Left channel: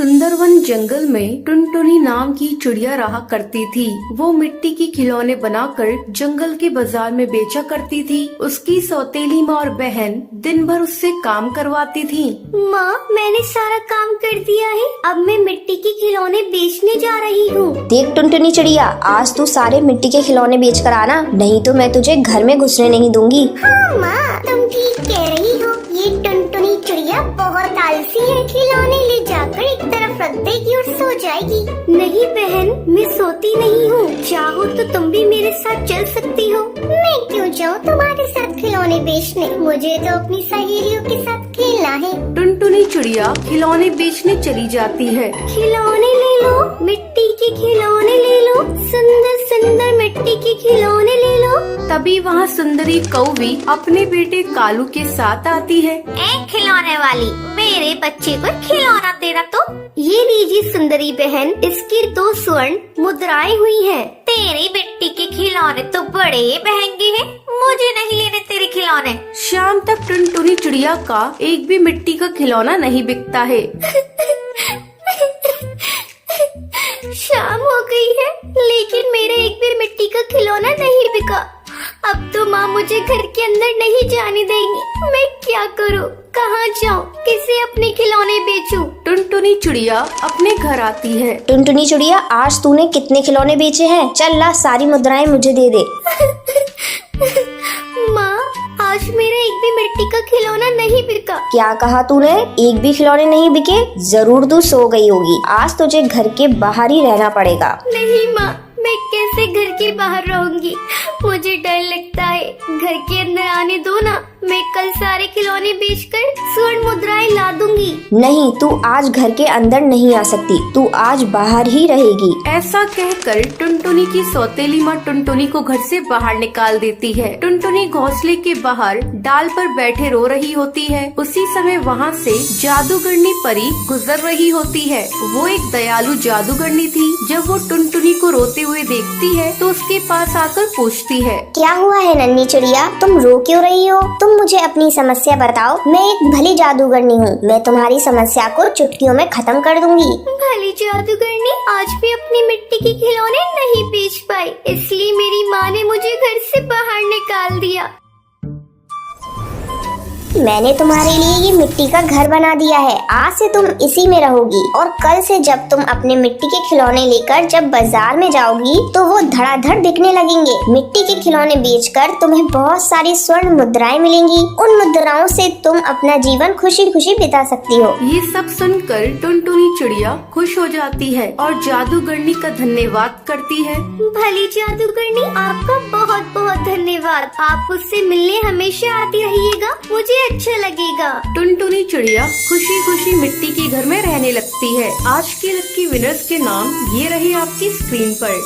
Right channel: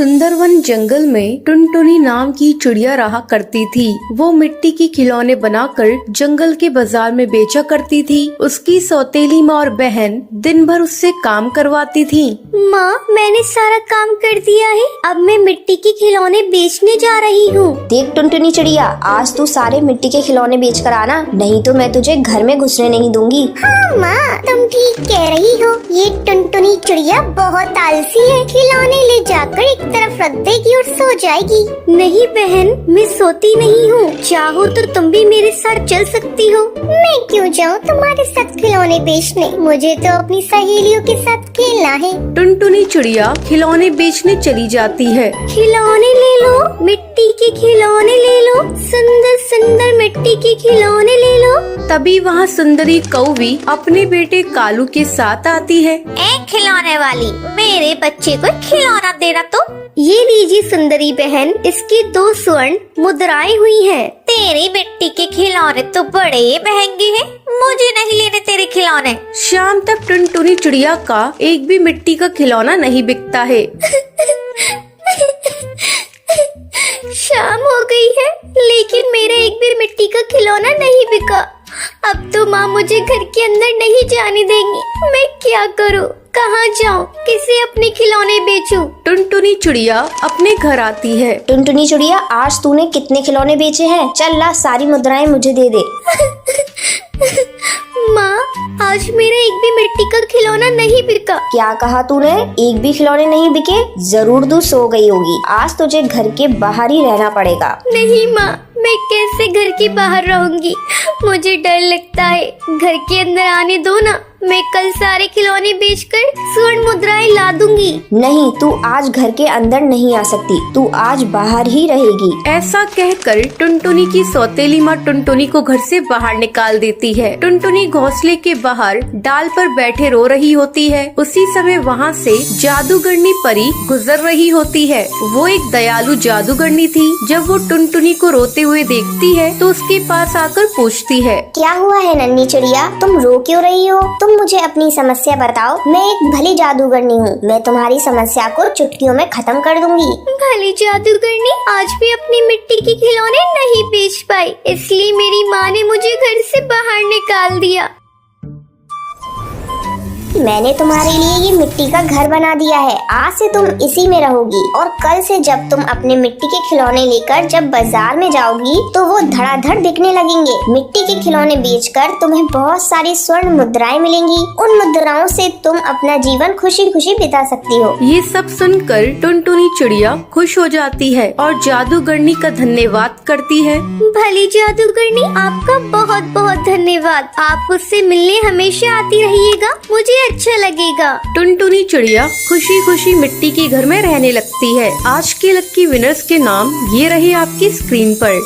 सुंदरवन जंगल में टुनटुनी नाम की चिड़िया रहा करती थी। वो मिट्टी के खिलौने बनाकर जंगल के बाजार में बेचा करती थी। उसकी सौतेली माँ और बहन दिन भर उससे काम करवाती थी। माँ, मैंने सारा काम कर दिया है, अब मैं मिट्टी के खिलौने बेचने जा रही हूँ। देख टुनटुनी चिड़िया, आज तू सारे मिट्टी के खिलौने बेच कर आना, नहीं तो मैं तुझे घर में घुसने नहीं दूंगी। हाँ माँ, तुम ठीक कह रही हो। ये टुनटुनी चिड़िया बहुत आलसी है, खिलौने ले जाकर एक तरफ रख देगी और सो जाएगी। नहीं बहन, मैं सोती नहीं हूँ, चाहो तो तुम भी मेरे साथ चल सकती हो। मैं क्यों जाऊँ तुम्हारे साथ खिलौने बेचने, मुझे तो अपनी सहेलियों के साथ खेलना है। टुनटुनी चिड़िया खिलौने बेचने चली जाती है। खिलौने ले लो, मिट्टी के खिलौने ले लो, सुंदर सुंदर मिट्टी के खिलौने ले लो। तभी वहाँ सुंदरी कौवी अपने बेटे कालू के साथ आती है। एक खिलौने वाली, मेरे बच्चे को खिलौना देना तो। ये लीजिए सुंदरी बहन, इसकी 2 स्वर्ण मुद्राएं हुई है। तेरी मिट्टी के खिलौने तो बड़े महंगे हैं, मुझे नहीं लेने तेरे खिलौने। शाम तक टुनटुनी चिड़िया का एक भी मिट्टी का खिलौना नहीं बिकता है। शाम हो गई है, लेकिन मेरा एक भी मिट्टी का खिलौना नहीं बिका। अब तो माँ मुझे घर के अंदर नहीं जाने देगी। मैं क्या करूँ, कहाँ जाऊँ, किसे अपने खिलौने बेचूं? टुनटुनी चिड़िया अपने घर आती है। टुनटुनी चिड़िया, आज तूने कितने खिलौने बेचे हैं? चल ला, सारी मुद्राएं मुझे दे दे। माँ, आज मेरा एक भी मिट्टी का खिलौना नहीं बिका। क्या कहा तूने? एक भी खिलौने नहीं बिके? जरूर तू सो गई होगी, आज तुझे घर के बाहर ही रहना पड़ेगा। नहीं माँ, मैं कैसे घर के बाहर रहूंगी, मुझे डर लगता है। घर के अंदर आने दो ना, मैं कल सारे खिलौने बेचकर स्वर्ण मुद्राएं ला दूंगी। नहीं, तू आज घर के अंदर नहीं आ सकती, तू आज बाहर ही रहेगी। ऐसा कहकर टुनटुनी की सौतेली माँ टुनटुनी को घर से बाहर निकाल देती है। टुनटुनी घोंसले के बाहर डाल पर बैठे रो रही होती है। उसी समय वहाँ से जादूगरनी परी गुजर रही होती है। वो एक दयालु जादूगरनी थी। जब वो टुनटुनी को रोते हुए देखती है तो उसके पास आकर पूछती है, क्या हुआ है नन्ही चिड़िया, तुम रो क्यों रही हो? तुम मुझे अपनी समस्या बताओ। मैं एक भली जादूगरनी हूँ, मैं तुम्हारी समस्या को चुटकियों में खत्म कर दूंगी। भली जादूगरनी, आज भी अपनी मिट्टी के खिलौने नहीं बेच पाई, इसलिए मेरी माँ ने मुझे घर से बाहर निकाल दिया। मैंने तुम्हारे लिए ये मिट्टी का घर बना दिया है, आज से तुम इसी में रहोगी। और कल से जब तुम अपने मिट्टी के खिलौने लेकर जब बाजार में जाओगी तो वो धड़ाधड़ बिकने लगेंगे। मिट्टी के खिलौने बेचकर तुम्हें बहुत सारी स्वर्ण मुद्राएं मिलेंगी। उन मुद्राओं से तुम अपना जीवन खुशी खुशी बिता सकती हो। ये सब सुनकर टुनटुनी चिड़िया खुश हो जाती है और जादूगरनी का धन्यवाद करती है। भली जादूगरनी, आपका बहुत बहुत धन्यवाद। आप मुझसे मिलने हमेशा आती रहिएगा, मुझे अच्छा लगेगा। टुनटुनी चिड़िया खुशी खुशी मिट्टी के घर में रहने लगती है। आज के लक्की विनर्स के नाम ये रहे आपकी स्क्रीन पर।